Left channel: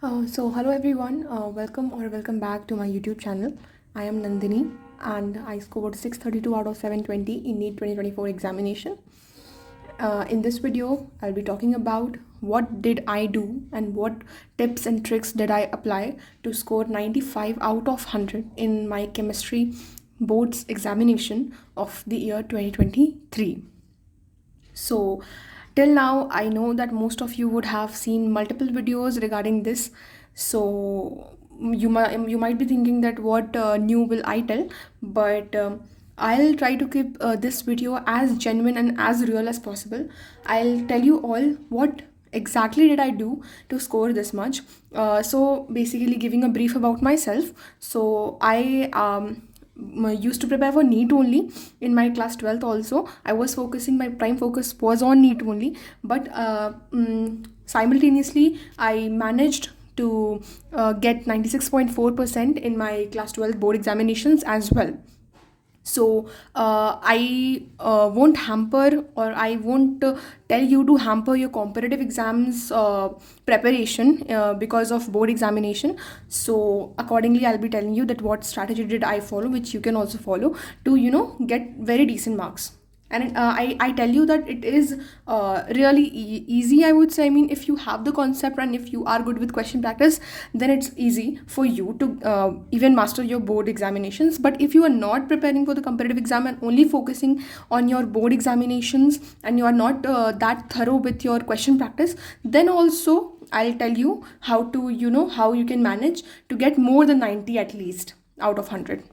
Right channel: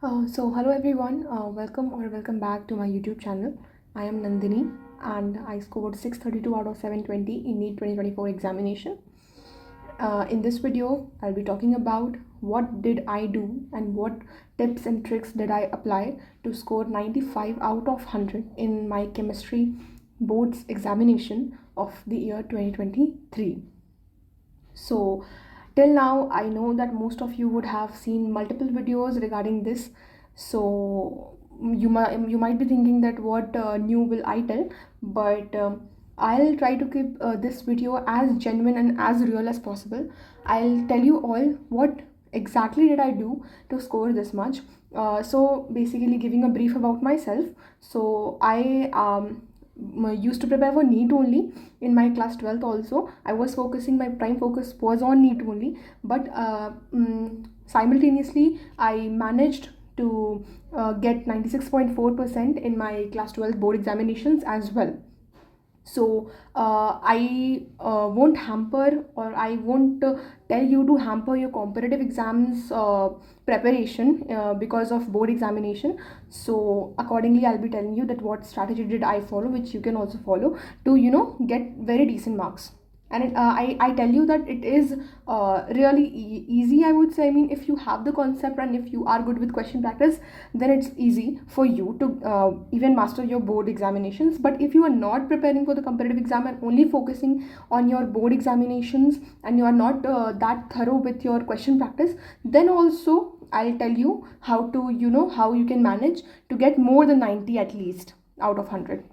Hello everyone, welcome back to my YouTube channel. I am Nandini and I scored 632 out of 720 in NEET 2024 examination. In this video, I'll be talking about what did I do and what tips and tricks did I apply to score 95 out of 100 in my chemistry boards examination of the year 2023. So, till now, I know that most of you would have seen multiple videos regarding this. So, you might be thinking that what new will I tell, but I'll try to keep this video as genuine and as real as possible. I'll tell you all what exactly did I do to score this much. So, basically, giving a brief about myself. So, I used to prepare for NEET only in my class 12th also. I was focusing, my prime focus was on NEET only, but simultaneously I managed to get 96.4% in my class 12 board examinations as well. So I won't hamper, or I won't tell you to hamper your competitive exams preparation because of board examination. So accordingly, I'll be telling you that what strategy did I follow, which you can also follow to get very decent marks. And I tell you that it is really easy, I would say. I mean, if you have the concept and if you are good with question practice, then it's easy for you to even master your board examinations. But if you are not preparing for the competitive exam and only focusing on your board examinations, and you are not that thorough with your question practice, then also I'll tell you how to, how you can manage to get more than 90 at least out of 100.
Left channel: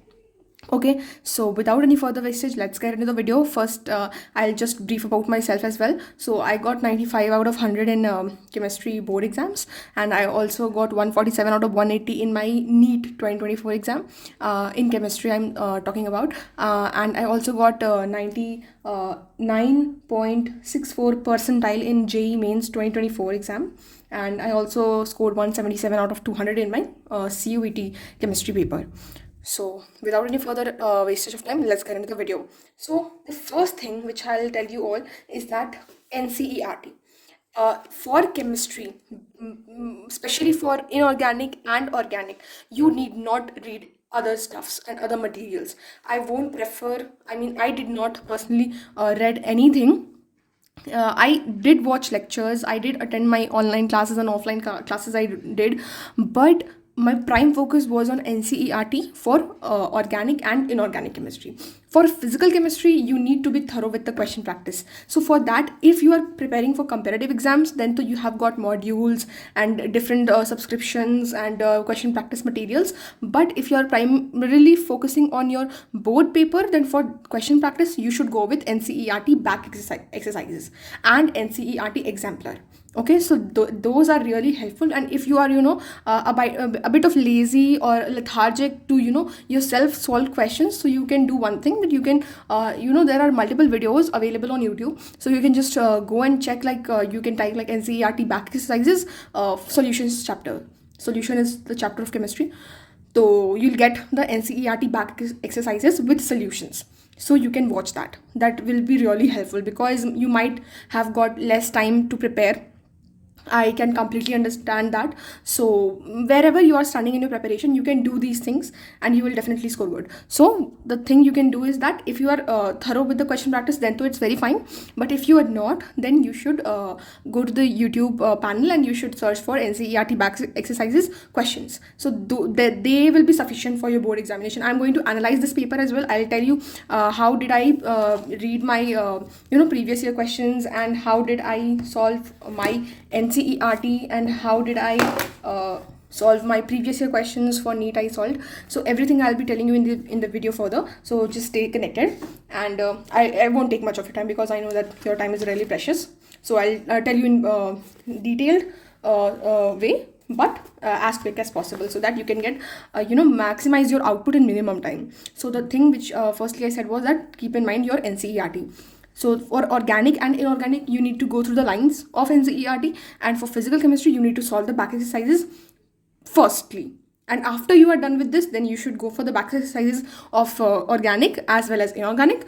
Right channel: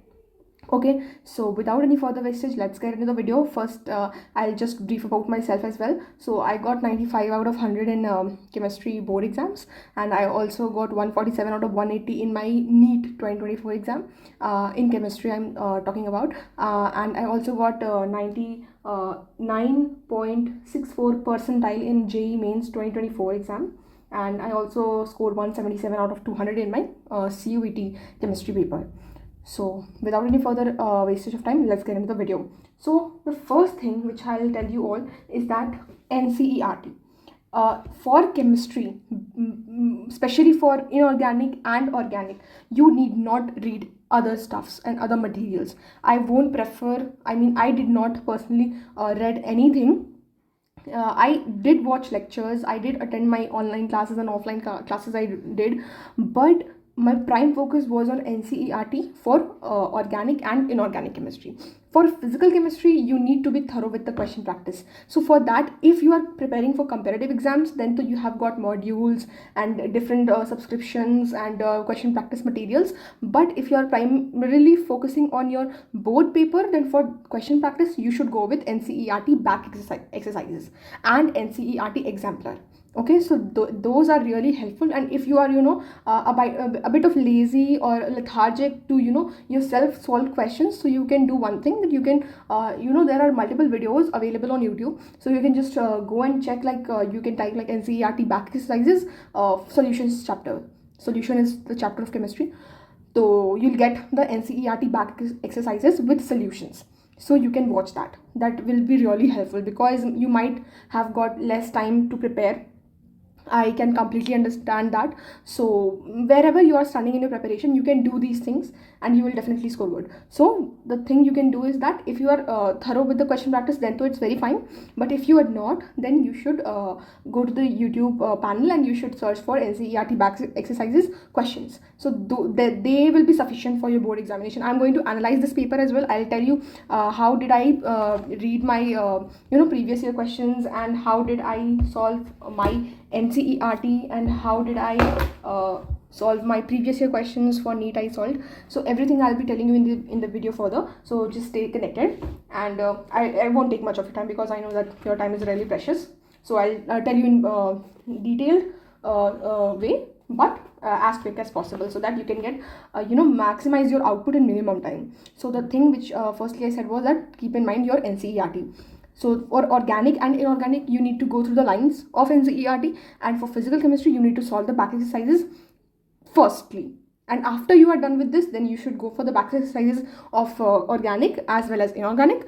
Okay, so without any further wastage, let's get into the video. First, I'll just brief about myself as well. So I got 95 out of 100 in chemistry board exams, and I also got 147 out of 180 in my NEET 2024 exam. In chemistry, I'm talking about, and I also got 99.64 percentile in JEE Mains 2024 exam, and I also scored 177 out of 200 in my CUET chemistry paper. So without any further wastage of time, let's get into the video. So the first thing which I'll tell you all is that NCERT. For chemistry, especially for inorganic and organic, you need not read other stuffs and other materials. I won't prefer, I mean, I did not personally read anything. I did watch lectures, I did attend my online classes and offline classes I did, but my prime focus was on NCERT for organic and inorganic chemistry. For physical chemistry, you need to be thorough with the question practice. So for that, if you are preparing for competitive exams, then you have got modules and different subscriptions and question practice materials. But if you are primarily focusing on your board paper, then for question practice, you should go with NCERT back exercises and NCERT exemplar. Okay, so those are really helpful. And if you are a bit of lazy or lethargic to yourself solve questions, so you can do one thing, that you can there are multiple videos available on YouTube, so you can just go and check, like you can type like NCERT back exercises solutions chapter. Solution is the chapter of chemistry, so you'll get the NCERT back exercises with solutions. So you can watch that. That will be really helpful, because you might have got less time to prepare. I can completely understand that. So wherever you are standing in your preparation, you can do these things and you will definitely score good. So the thing you can do is that if you are thorough with the question practice, then it's very fine. But if you are not, then you should go to the YouTube panel and you should search for NCERT back exercises questions. So they will be sufficient for your board examination. I'm going to analyze this paper as well. I'll tell you how did I read my previous year questions, and how did I solve my NCERT, and how did I solve my previous year questions for NEET I solved. So everything I'll be telling you in the video further. So just stay connected, and I won't take much of your time, because I know that your time is really precious. So I'll tell you in detailed way, but as quick as possible, so that you can get maximize your output in minimum time. So the thing which firstly I said was that keep in mind your NCERT. So for organic and inorganic, you need to go through the lines of NCERT, and for physical chemistry, you need to solve the back exercises firstly. And after you are done with this, then you should go for the back exercises of organic as well as inorganic.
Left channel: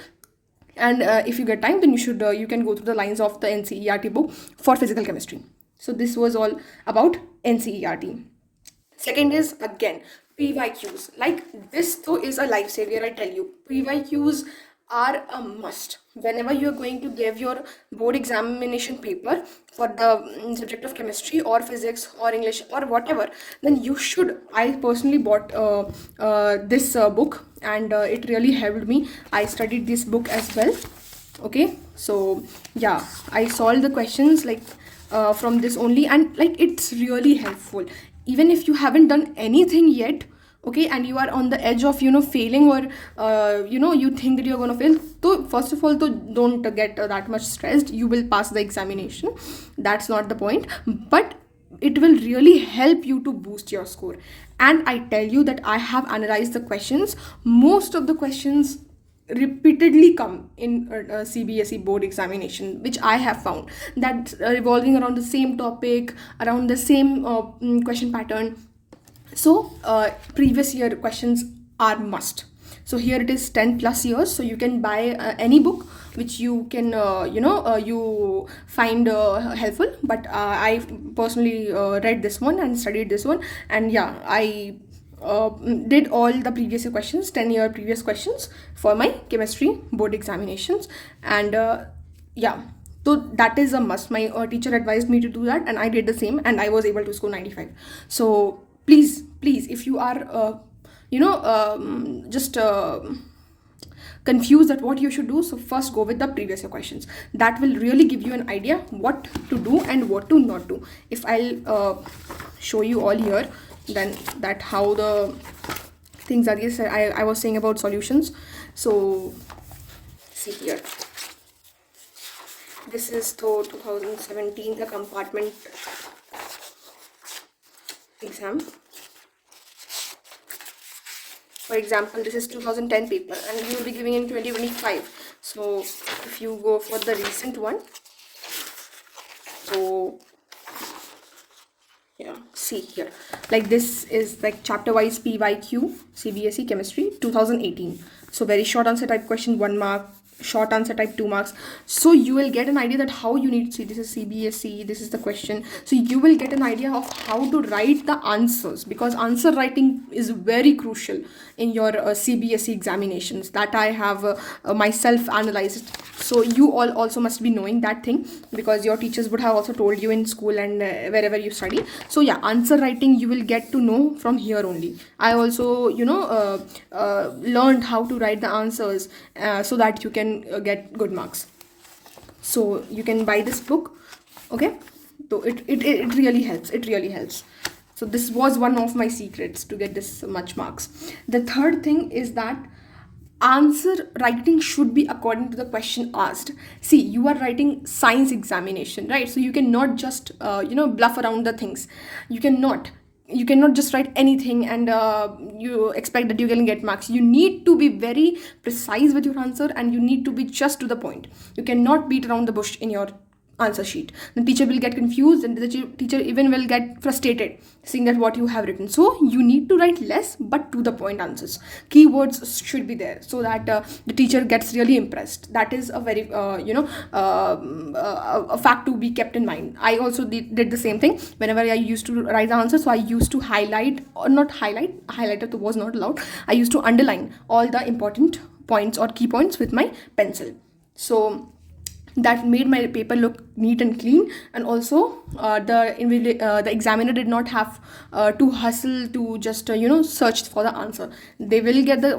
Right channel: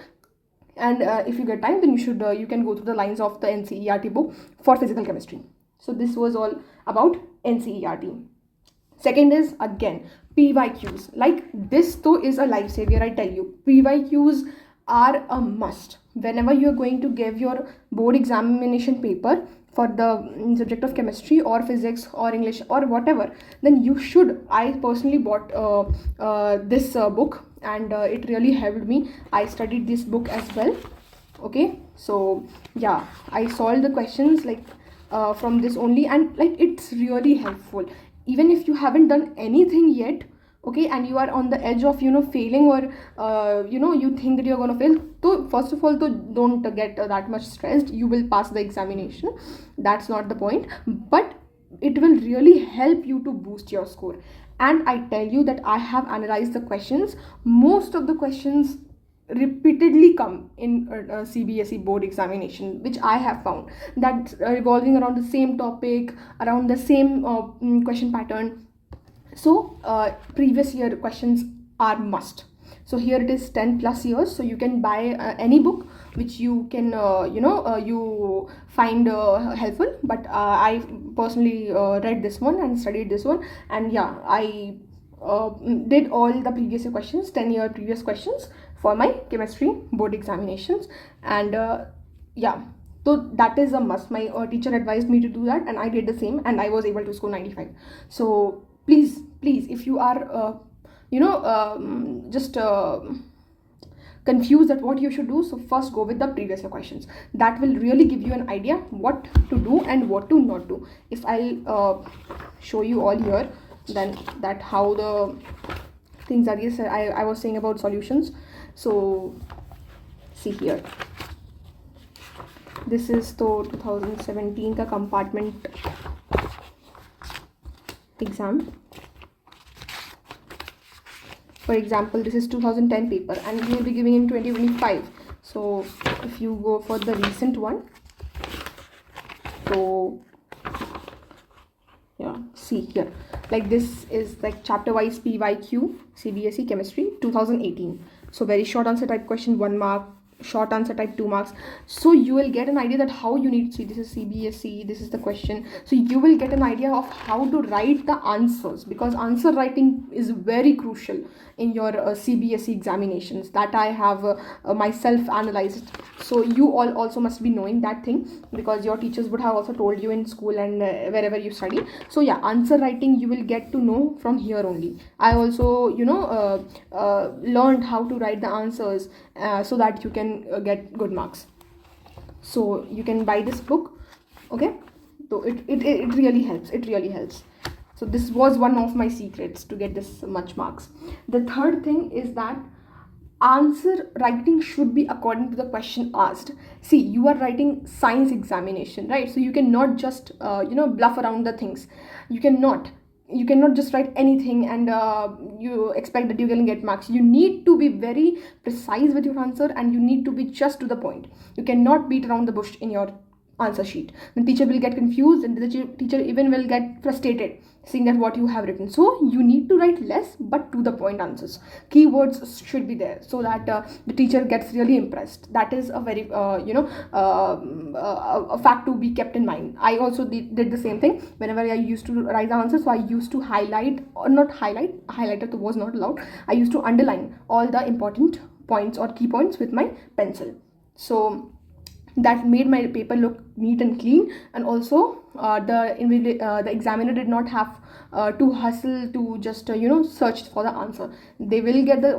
And if you get time, then you can go through the lines of the NCERT book for physical chemistry. So this was all about NCERT. Second is again pyqs. Like this though is a lifesaver, I tell you. Pyqs are a must whenever you're going to give your board examination paper for the subject of chemistry or physics or English or whatever. Then you should, I personally bought this book, and it really helped me. I studied this book as well. Okay, so yeah, I solved the questions like from this only, and like it's really helpful. Even if you haven't done anything yet, okay, and you are on the edge of failing, or you think that you're gonna fail, so first of all, so don't get that much stressed. You will pass the examination, that's not the point, but it will really help you to boost your score. And I tell you that I have analyzed the questions. Most of the questions repeatedly come in CBSE board examination, which I have found that revolving around the same topic, around the same question pattern. So previous year questions are must. So here it is 10 plus years, so you can buy any book which you can you find helpful, but I personally read this one and studied this one, and yeah, I did all the previous year questions, 10-year previous questions for my chemistry board examinations. And yeah, so that is a must. My teacher advised me to do that, and I did the same, and I was able to score 95. So please, if you are just confused at what you should do, so first go with the previous year questions. That will really give you an idea what to do and what to not do. If I'll show you all here, then that how the things are. Yes, I was saying about solutions. So see here, this is the 2017 the compartment exam. For example, this is 2010 paper, and you will be giving in 2025. So if you go for the recent one, so yeah, see here, like this is like chapter wise PYQ CBSE chemistry 2018. So very short answer type question, 1 mark, short answer type 2 marks. So you will get an idea that how you need to see. This is CBSE, this is the question, so you will get an idea of how to write the answers, because answer writing is very crucial in your CBSE examinations. That I have myself analyzed. So you all also must be knowing that thing, because your teachers would have also told you in school and wherever you study. So yeah, answer writing you will get to know from here only. I also learned how to write the answers so that you can get good marks. So you can buy this book, okay? So it really helps. It really helps. So this was one of my secrets to get this much marks. The third thing is that answer writing should be according to the question asked. See, you are writing science examination, right? So you cannot just bluff around the things. You cannot just write anything and you expect that you can get marks. You need to be very precise with your answer, and you need to be just to the point. You cannot beat around the bush in your answer sheet. The teacher will get confused, and the teacher even will get frustrated seeing that what you have written. So you need to write less but to the point answers. Keywords should be there so that the teacher gets really impressed. That is a very a fact to be kept in mind. I also did the same thing whenever I used to write the answer. So I used to highlight, or not highlight, highlighter was not allowed. I used to underline all the important points or key points with my pencil. So that made my paper look neat and clean, and also the examiner did not have to hustle to just search for the answer. They will get the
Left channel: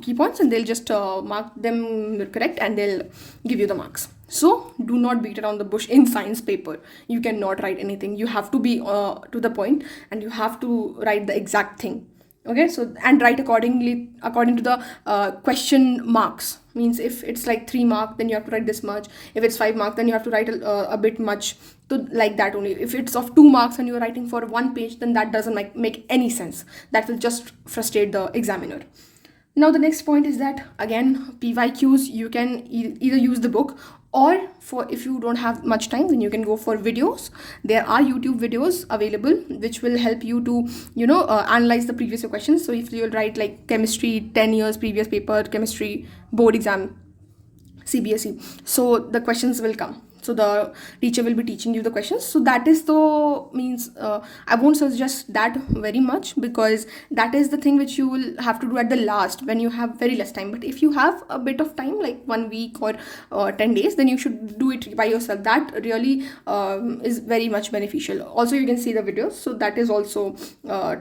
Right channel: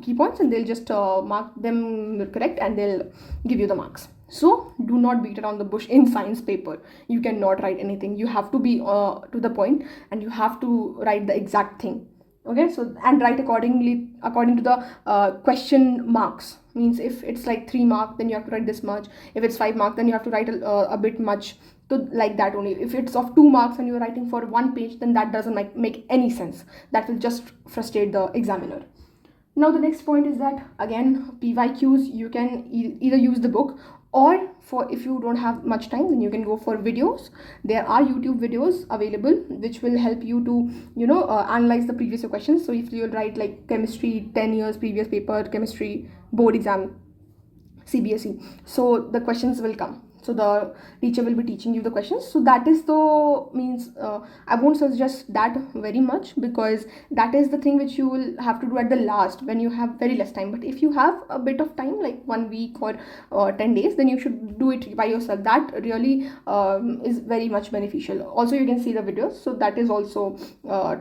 key points, and they'll just mark them correct, and they'll give you the marks. So do not beat around the bush in science paper. You cannot write anything. You have to be to the point, and you have to write the exact thing. Okay, so and write according to the question marks. Means if it's like 3 mark, then you have to write this much. If it's 5 mark, then you have to write a bit much. So like that only. If it's of 2 marks and you're writing for 1 page, then that doesn't make any sense. That will just frustrate the examiner. Now the next point is that again, PYQs, you can either use the book, or for if you don't have much time, then you can go for videos. There are YouTube videos available which will help you to analyze the previous questions. So if you'll write like chemistry 10 years previous paper, chemistry board exam CBSE, so the questions will come. So the teacher will be teaching you the questions. So that is the means I won't suggest that very much, because that is the thing which you will have to do at the last when you have very less time. But if you have a bit of time, like 1 week or 10 days, then you should do it by yourself. That really is very much beneficial. Also, you can see the videos, so that is also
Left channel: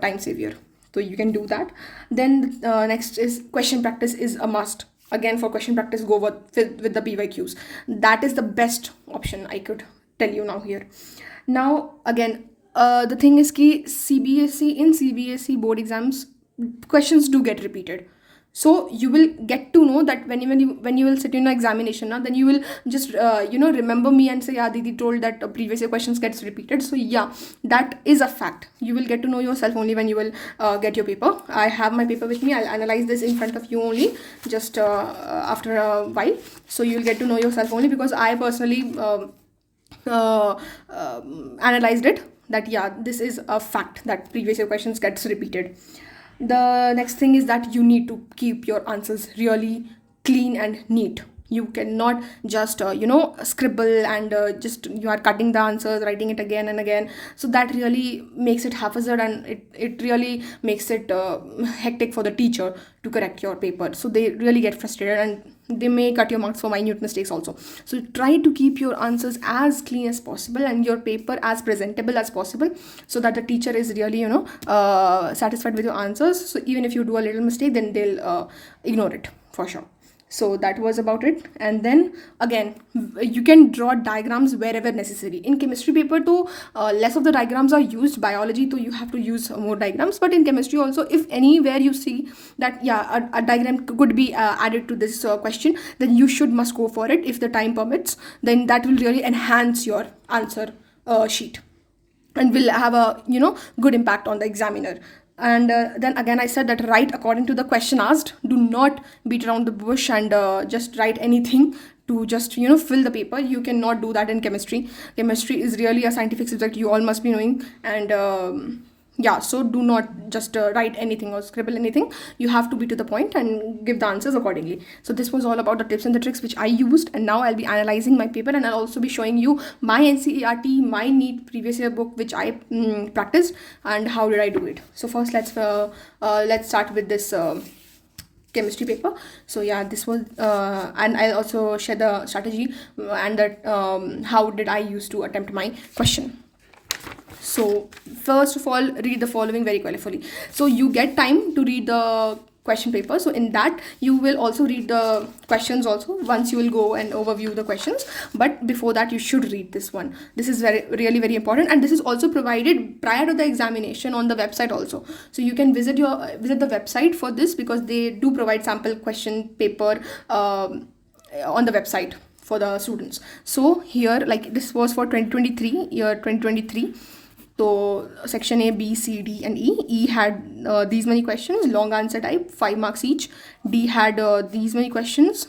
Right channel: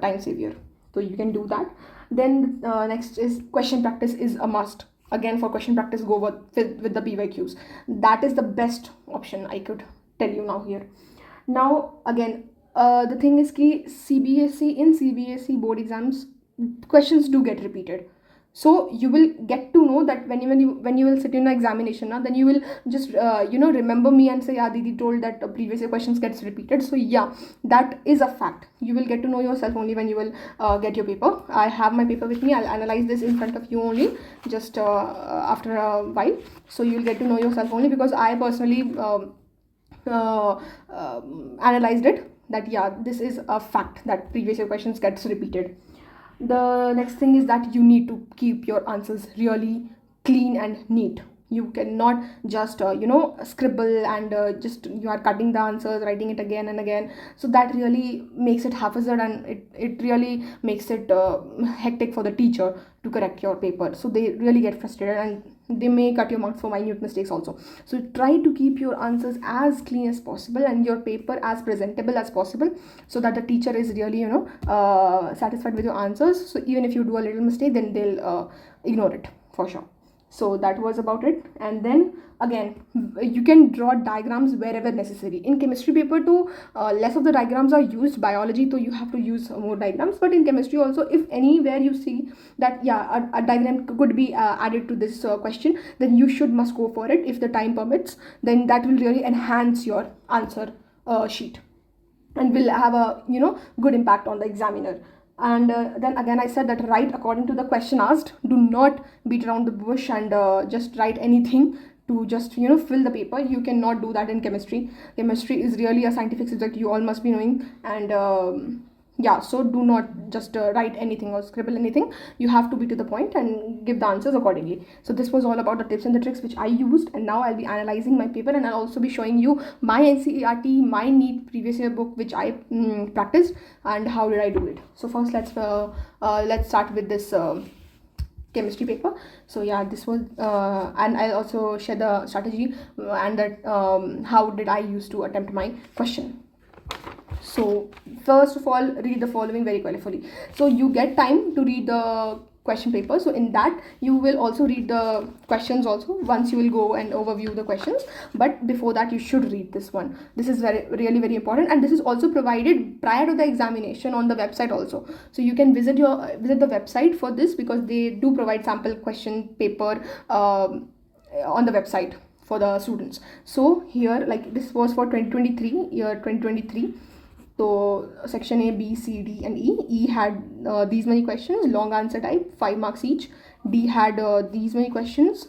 time savior, so you can do that. Then next is question practice is a must. Again, for question practice, go with the pyqs. That is the best option I could tell you now here. Now again, the thing is ki CBSE board exams, questions do get repeated. So you will get to know that when you will sit in an examination now, then you will just remember me and say, yeah, Didi told that previous year questions gets repeated. So yeah, that is a fact. You will get to know yourself only when you will get your paper. I have my paper with me. I'll analyze this in front of you only just after a while. So you'll get to know yourself only, because I personally analyzed it, that yeah, this is a fact that previous year questions gets repeated. The next thing is that you need to keep your answers really clean and neat. You cannot just scribble and just you are cutting the answers, writing it again and again. So that really makes it haphazard, and it really makes it hectic for the teacher to correct your paper. So they really get frustrated, and they may cut your marks for minute mistakes also. So try to keep your answers as clean as possible and your paper as presentable as possible, so that the teacher is really satisfied with your answers. So even if you do a little mistake, then they'll ignore it for sure. So that was about it. And then again, you can draw diagrams wherever necessary. In chemistry paper too, less of the diagrams are used. Biology too, you have to use more diagrams. But in chemistry also, if anywhere you see that yeah, a diagram could be added to this question, then you must go for it. If the time permits, then that will really enhance your answer sheet and will have a good impact on the examiner. And then again, I said that write according to the question asked. Do not beat around the bush and just write anything to just fill the paper. You cannot do that in chemistry. Chemistry is really a scientific subject, you all must be knowing. And yeah, so do not just write anything or scribble anything. You have to be to the point and give the answers accordingly. So this was all about the tips and the tricks which I used, and now I'll be analyzing my paper, and I'll also be showing you my NCERT, my NEET previous year book which I practiced, and how did I do it. So first let's start with this chemistry paper. So yeah, this was and I'll also share the strategy and that how did I use to attempt my question. So first of all, read the following very carefully. So you get time to read the question paper. So in that, you will also read the questions also. Once you will go and overview the questions. But before that, you should read this one. This is really very important. And this is also provided prior to the examination on the website also. So you can visit the website for this, because they do provide sample question paper on the website for the students. So here, like this was for 2023, year 2023. So section A, B, C, D and E. E had these many questions, long answer type, 5 marks each. D had these many questions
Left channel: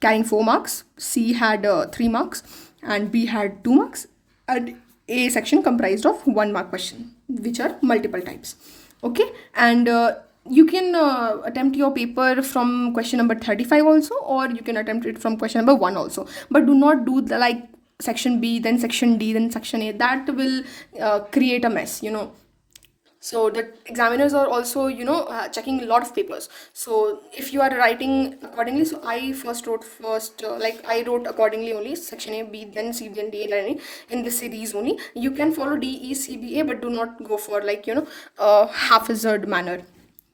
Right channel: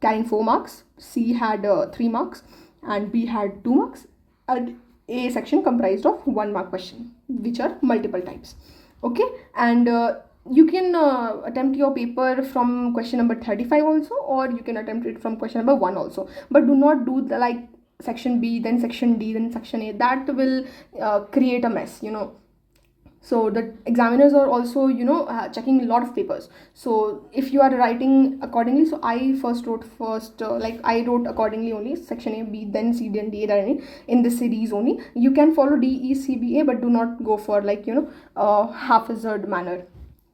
carrying 4 marks. C had 3 marks and B had 2 marks. And A section comprised of 1 mark question, which are multiple types. Okay, and you can attempt your paper from question number 35 also, or you can attempt it from question number 1 also. But do not do the like section B, then section D, then section A. That will create a mess, So the examiners are also, checking a lot of papers. So if you are writing accordingly, so I I wrote accordingly only, section A, B, then C, then D, then E, in this series only. You can follow D, E, C, B, A, but do not go for haphazard manner.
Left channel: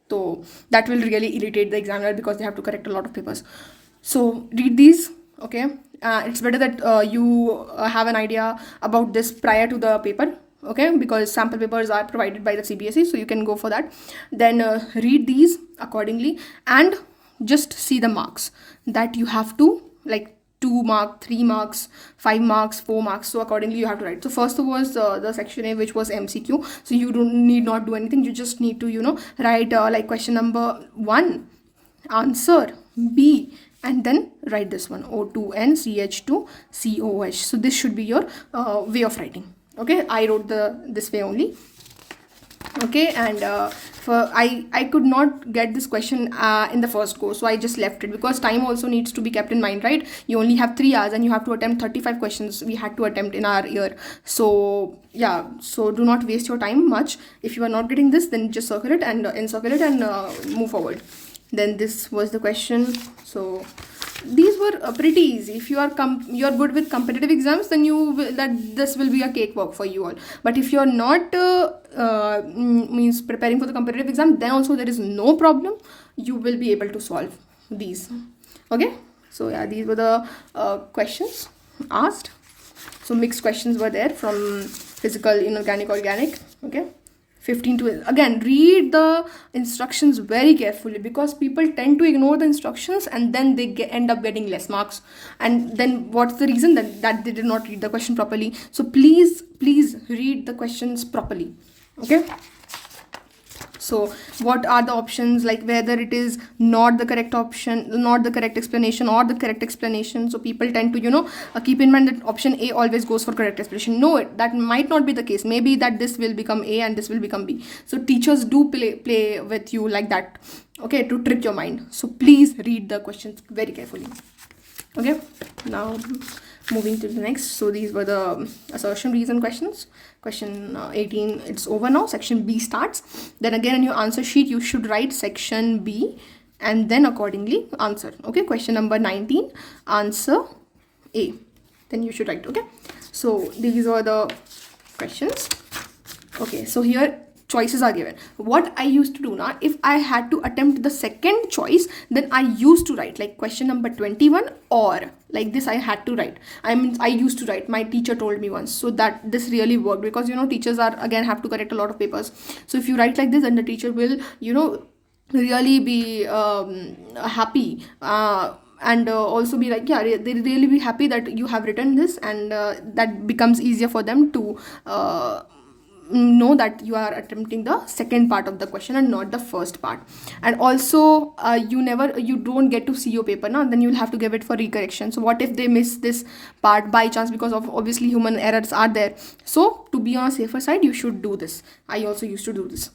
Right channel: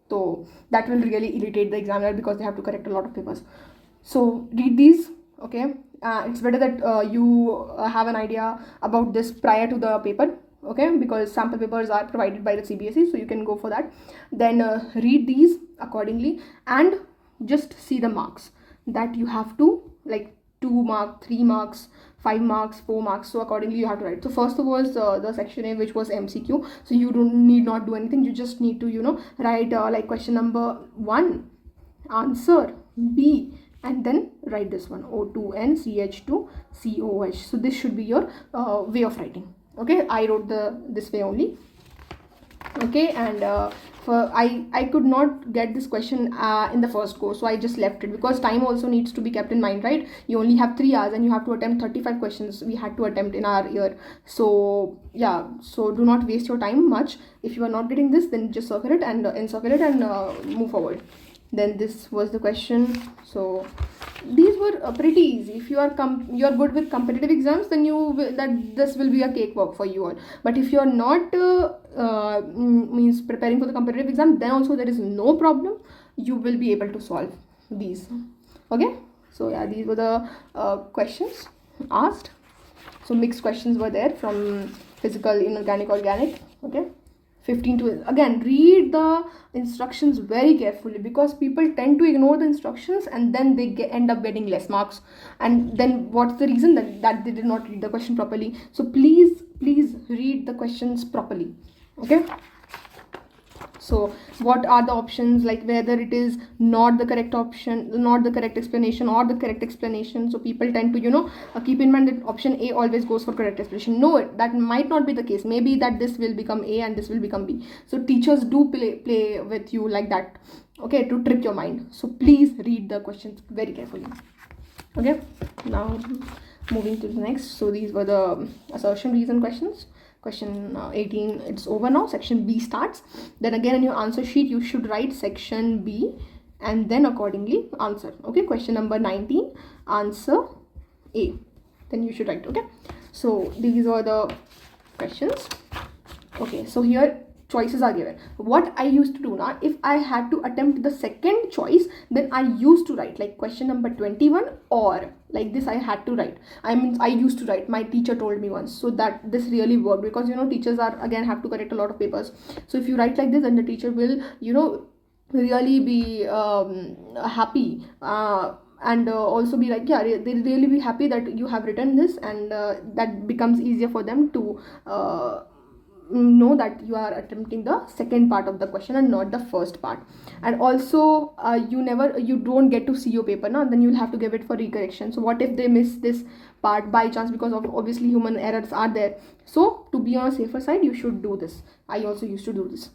So that will really irritate the examiner, because they have to correct a lot of papers. So read these, okay. It's better that you have an idea about this prior to the paper, okay, because sample papers are provided by the CBSE, so you can go for that. Then read these accordingly and just see the marks that you have to, like 2 marks, 3 marks, 5 marks, 4 marks. So accordingly you have to write. So first was the section A, which was MCQ. So you need not do anything. You just need to write like question number 1, answer B, and then write this one, O2N CH2 COH. So this should be your way of writing. Okay, I wrote this way only. Okay, and for I could not get this question in the first go, so I just left it because time also needs to be kept in mind, right? You only have 3 hours and you have to attempt 35 questions we had to attempt in our year. So yeah, so do not waste your time much. If you are not getting this, then just circle it and encircle it and move forward. Then this was the question. So these were pretty easy. If you are you are good with competitive exams, then that this will be a cakewalk for you all. But if you are not means preparing for the competitive exam, then also there is no problem. You will be able to solve these. Okay, so yeah, these were the questions asked. So mixed questions were there from physical, inorganic, organic. Okay, 15 to, again, read the instructions very carefully, because people tend to ignore the instructions and then they end up getting less marks. And then what's the reason? That they did not read the question properly. So please read the questions properly. Okay, so what are the options, like whether it is not the correct option, not the correct explanation, or the correct explanation. So people tend to keep in mind that option A always goes for correct explanation. No, that might not be the case. Maybe that this will become A and this will become B. So teachers do play with you like that, okay, to trick your mind. So please read the questions very carefully. Okay, now moving to the next. So these were the assertion reason questions. Question 18, it's over now. Section B starts. Then again in your answer sheet you should write section B and then accordingly answer. Okay, question number 19, answer A, then you should write. Okay, so these are the questions. Okay, so here choices are given. What I used to do now, if I had to attempt the second choice, then I used to write like question number 21 or like this. I had to write, I used to write, my teacher told me once. So that this really worked, because teachers are again have to correct a lot of papers. So if you write like this, then the teacher will really be happy, and also be like, yeah, they really be happy that you have written this, and that becomes easier for them to know that you are attempting the second part of the question and not the first part. And also you don't get to see your paper now, then you'll have to give it for recorrection. So what if they miss this part by chance, because of obviously human errors are there. So to be on a safer side, you should do this. I also used to do this.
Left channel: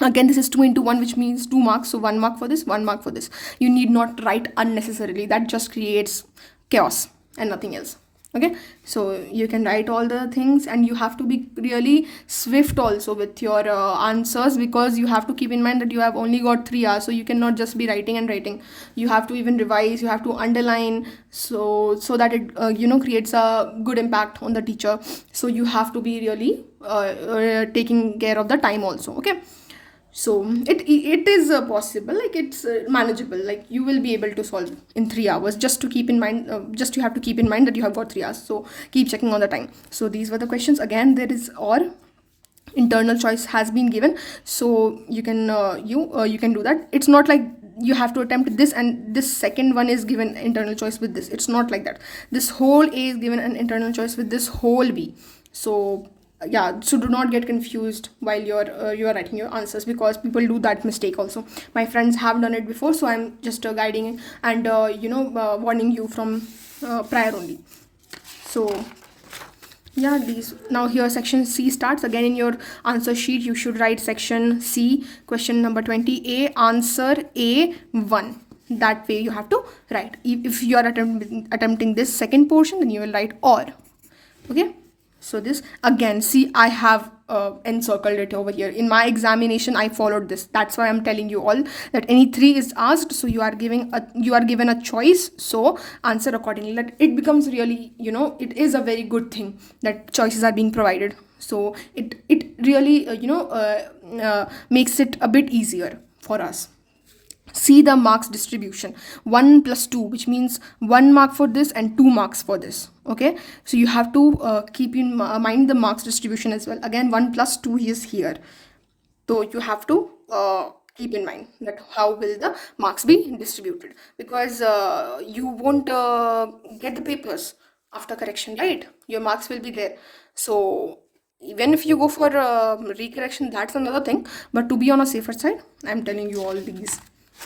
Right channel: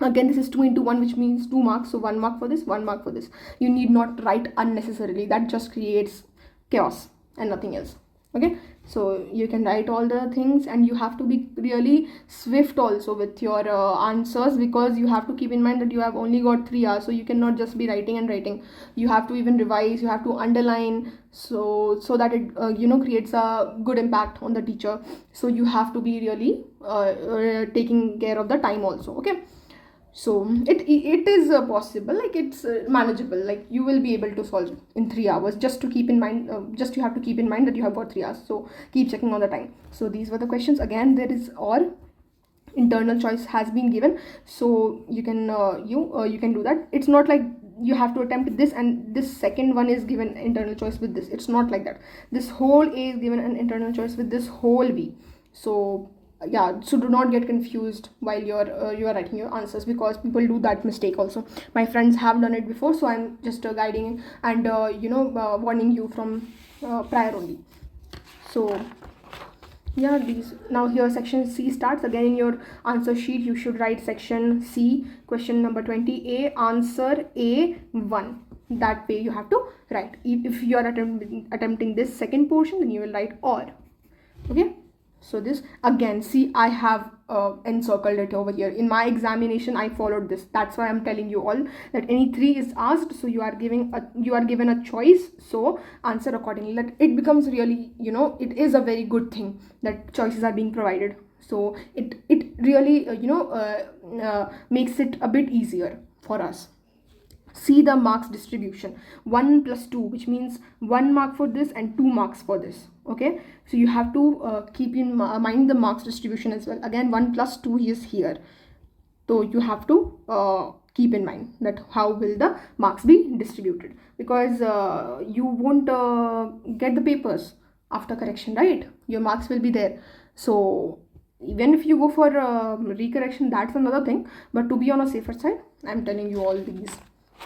Again, this is 2 into 1, which means 2 marks. So 1 mark for this, 1 mark for this. You need not write unnecessarily. That just creates chaos and nothing else. Okay, so you can write all the things, and you have to be really swift also with your answers, because you have to keep in mind that you have only got 3 hours. So you cannot just be writing and writing. You have to even revise, you have to underline, so that it creates a good impact on the teacher. So you have to be really taking care of the time also. Okay, so it is possible, like it's manageable, like you will be able to solve in 3 hours. Just to keep in mind, just you have to keep in mind that you have got 3 hours. So keep checking on the time. So these were the questions. Again, there is or internal choice has been given, so you can you can do that. It's not like you have to attempt this and this second one is given internal choice with this. It's not like that. This whole A is given an internal choice with this whole B. So yeah, so do not get confused while you're writing your answers, because people do that mistake also. My friends have done it before, so I'm just guiding and warning you from prior only. So yeah, these now here section C starts. Again, in your answer sheet you should write section C, question number 20, A, answer A1. That way you have to write. If you are attempting this second portion, then you will write or. Okay, so this again, see, I have encircled it over here. In my examination I followed this. That's why I'm telling you all that any 3 is asked, so you are given a choice, so answer accordingly. That it becomes really, it is a very good thing that choices are being provided. So it really makes it a bit easier for us. See the marks distribution, 1 plus 2, which means 1 mark for this and 2 marks for this. Okay, so you have to keep in mind the marks distribution as well. Again, 1 plus 2 is here, so you have to keep in mind that how will the marks be distributed, because you won't get the papers after correction, right? Your marks will be there. So even if you go for recorrection, that's another thing, but to be on a safer side, I'm telling you all these.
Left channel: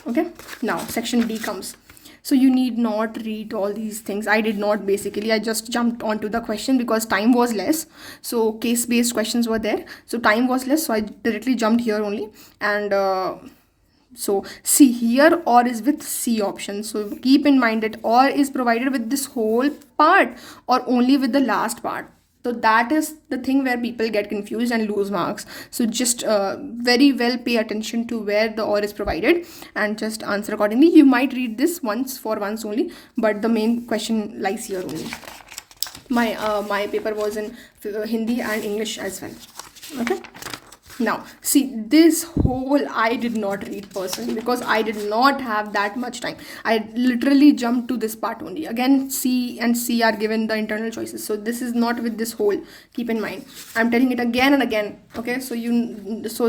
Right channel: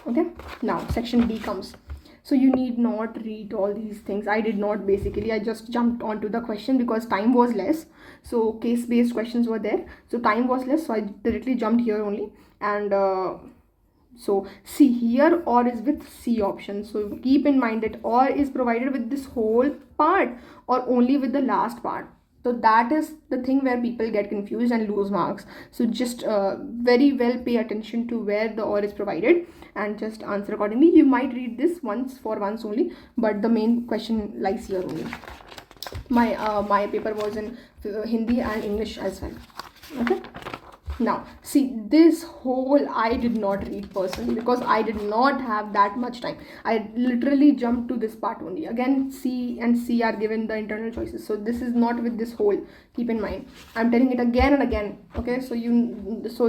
Okay, now section D comes. So you need not read all these things. I did not, basically. I just jumped onto the question because time was less. So case-based questions were there. So time was less. So I directly jumped here only. And so see here, or is with C option. So keep in mind that or is provided with this whole part or only with the last part. So that is the thing where people get confused and lose marks. So just very well pay attention to where the or is provided and just answer accordingly. You might read this once only, but the main question lies here only. My paper was in Hindi and English as well. Okay. Now see, this whole I did not read personally because I did not have that much time. I literally jumped to this part only. Again, C and C are given the internal choices, so this is not with this whole. Keep in mind, I'm telling it again and again, okay, so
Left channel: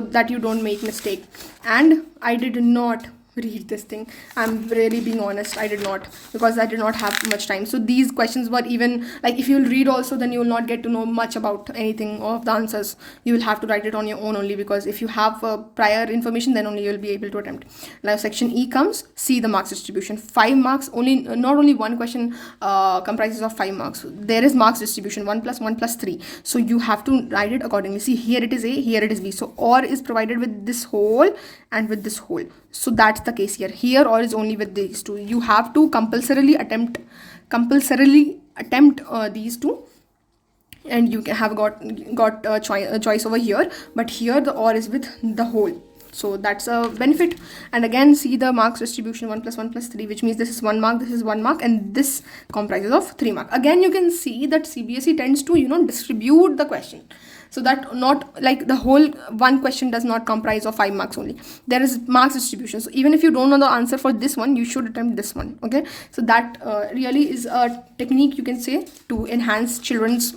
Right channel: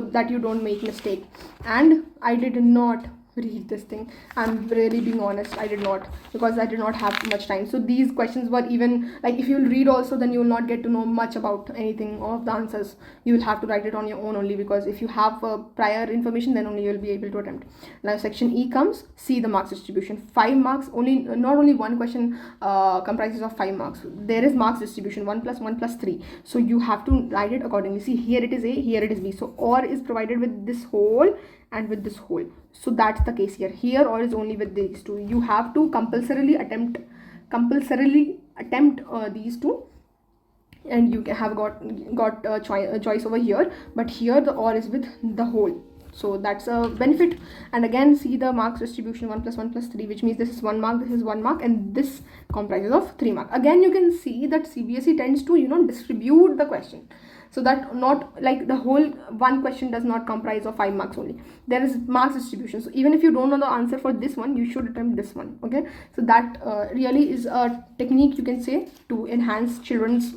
that you don't make mistake. And I did not read this thing. I'm really being honest, I did not, because I did not have much time. So these questions were even like, if you'll read also, then you will not get to know much about anything of the answers. You will have to write it on your own only, because if you have prior information, then only you will be able to attempt. Now section E comes. See the marks distribution. 5 marks only. Not only one question comprises of 5 marks. There is marks distribution 1 plus 1 plus 3. So you have to write it accordingly. See, here it is A, here it is B. So or is provided with this whole and with this whole. So that's the case here. Here or is only with these two. You have to compulsorily attempt these two, and you can have got a choice over here. But here the or is with the whole. So that's a benefit. And again, see the marks distribution 1 plus 1 plus 3, which means this is 1 mark, this is 1 mark, and this comprises of 3 marks. Again, you can see that CBSE tends to distribute the question, so that not like the whole one question does not comprise of 5 marks only. There is marks distribution. So even if you don't know the answer for this one, you should attempt this one. Okay, so that really is a technique, you can say, to enhance students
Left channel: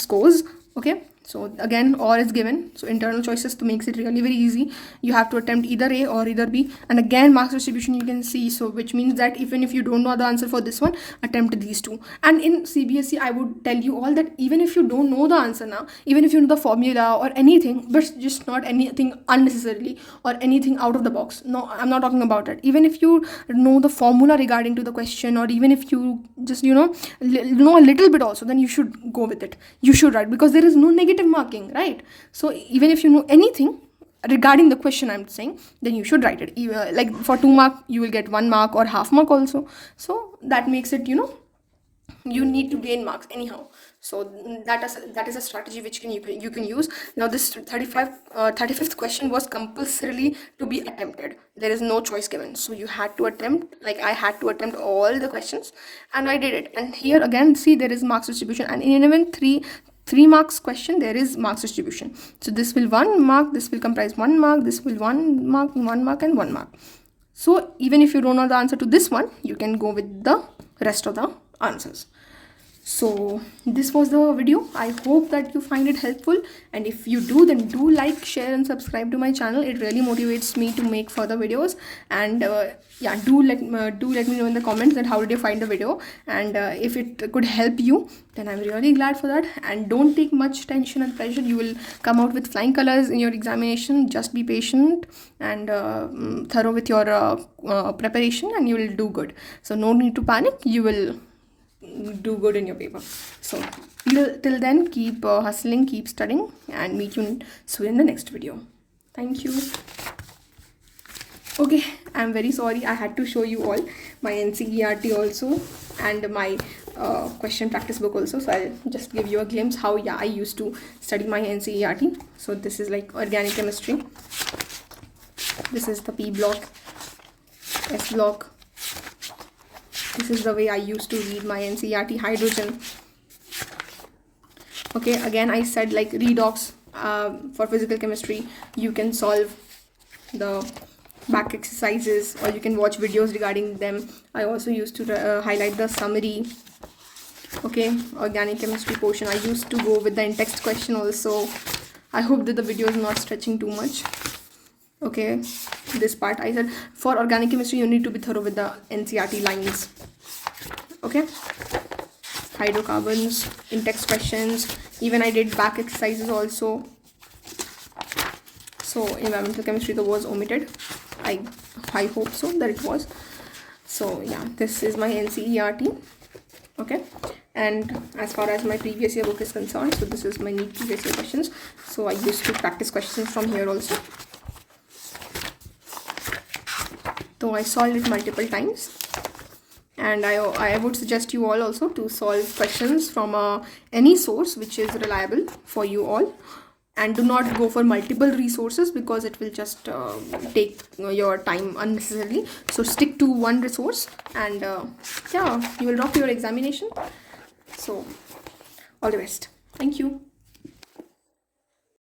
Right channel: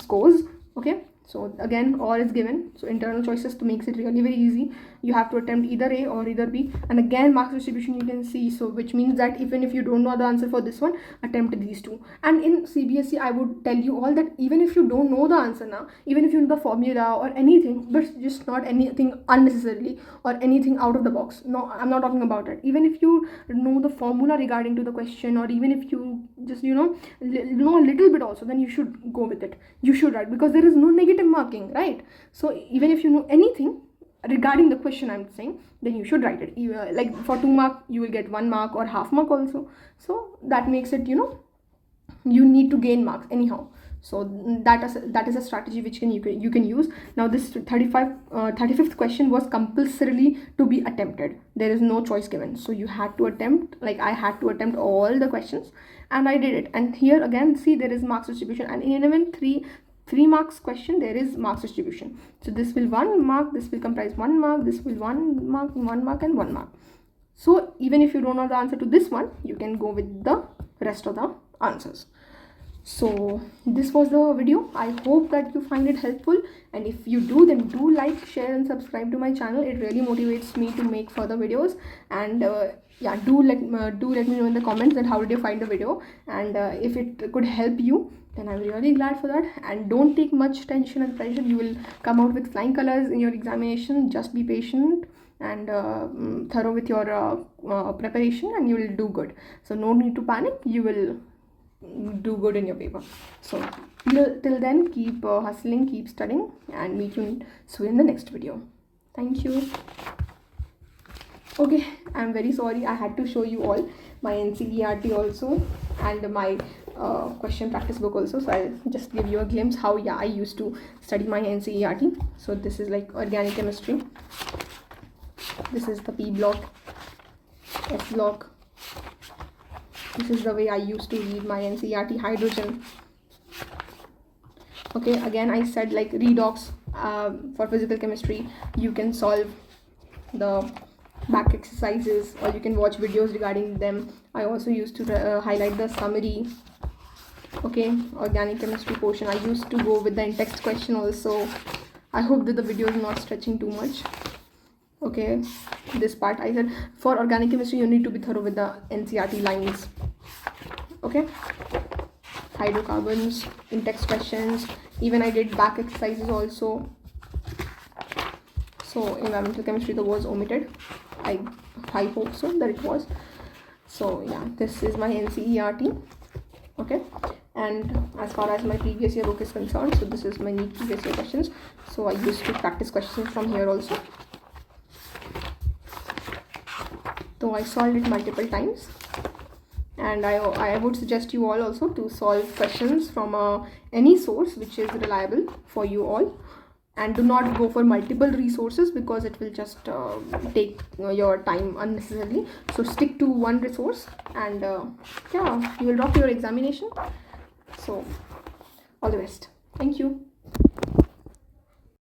scores. Okay, so again, or is given. So internal choices to makes it really very easy. You have to attempt either A or either B. And again, marks distribution you can see. So which means that even if you don't know the answer for this one, attempt these two. And in CBSE, I would tell you all that even if you don't know the answer now, even if you know the formula or anything, but just not anything unnecessarily or anything out of the box. No, I'm not talking about that. Even if you know the formula regarding to the question, or even if you just know a little bit also, then you should go with it. You should write, because there is no negative marking, right? So even if you know anything regarding the question, I'm saying, then you should write it. Like for 2 mark, you will get 1 mark or half mark also. So that makes it, you need to gain marks anyhow. So that is a strategy which you can use. Now this 35th question was compulsorily to be attempted. There is no choice given. So you had to attempt, like I had to attempt all the questions, and I did it. And here again, see, there is marks distribution, and in even 3 marks question, there is marks distribution. So this will 1 mark, this will comprise 1 mark, this will 1 mark, 1 mark, and 1 mark. So even if you don't know the answer to this one, you can go with the rest of the answers. So this was the video. I hope that you find it helpful, and if you do, then do like, share, and subscribe to my channel. It really motivates me to make further videos. And yeah, do let me know in the comments that how did you find the video, and if it could help you, then I'm really glad for that. And don't take much tension and pressure. You will come out with flying colors in your examination. Just be patient and thorough with your preparation, and you will do good. So no need to panic. You will do good in your paper. So till then, keep hustling, keep studying, and meet you soon in the next video. Thank you. Okay, I'm very sorry I had to show you all my NCERT also and my question practice book also. So I'll just give you a glimpse how I used to study my NCERT. So this is like organic chemistry. This is the P block, S block. This is the way I used to read my NCERT. Hydrogen. Okay, again I said like redox for physical chemistry. You can solve the back exercises, or you can watch videos regarding them. I also used to highlight the summary. Okay, organic chemistry portion, I used to go with the in-text question also. I hope that the video is not stretching too much. Okay, this part I said for organic chemistry you need to be thorough with the NCERT lines. Okay, hydrocarbons, in-text questions, even I did back exercises also. So environmental chemistry was omitted. I hope so that it was. So yeah, this is my NCERT. Okay, and as far as my previous year book is concerned, so this is my neat previous year questions. So I used to practice questions from here also, so I solved it multiple times. And I would suggest you all also to solve questions from any source which is reliable for you all, and do not go for multiple resources because it will just take your time unnecessarily. So stick to one resource, and yeah, you will rock your examination. So all the best. Thank you.